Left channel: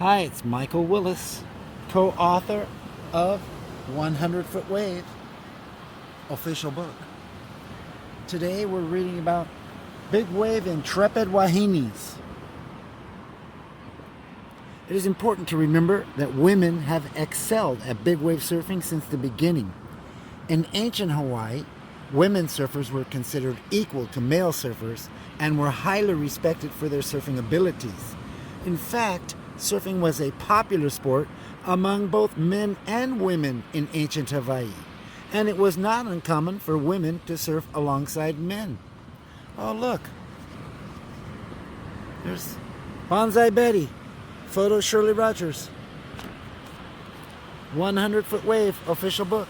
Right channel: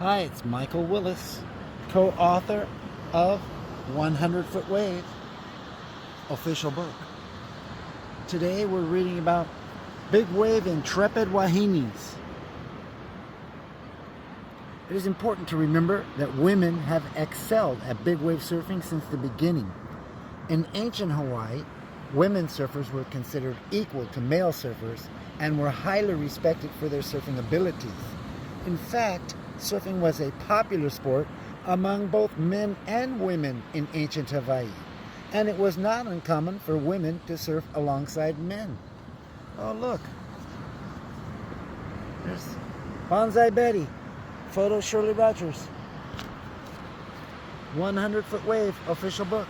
Hi, it's Michael Willis, co-author of 100 Foot Wave, official book. Today we're reading about Big Wave Intrepid Wahinis. It is important to remember that women have excelled at big wave surfing since the beginning. In ancient Hawaii, women surfers were considered equal to male surfers and were highly respected for their surfing abilities. In fact, surfing was a popular sport among both men and women in ancient Hawaii, and it was not uncommon for women to surf alongside men. Oh, look. There's Bonsai Betty. Photo Shirley Rogers. 100 Foot Wave, official book.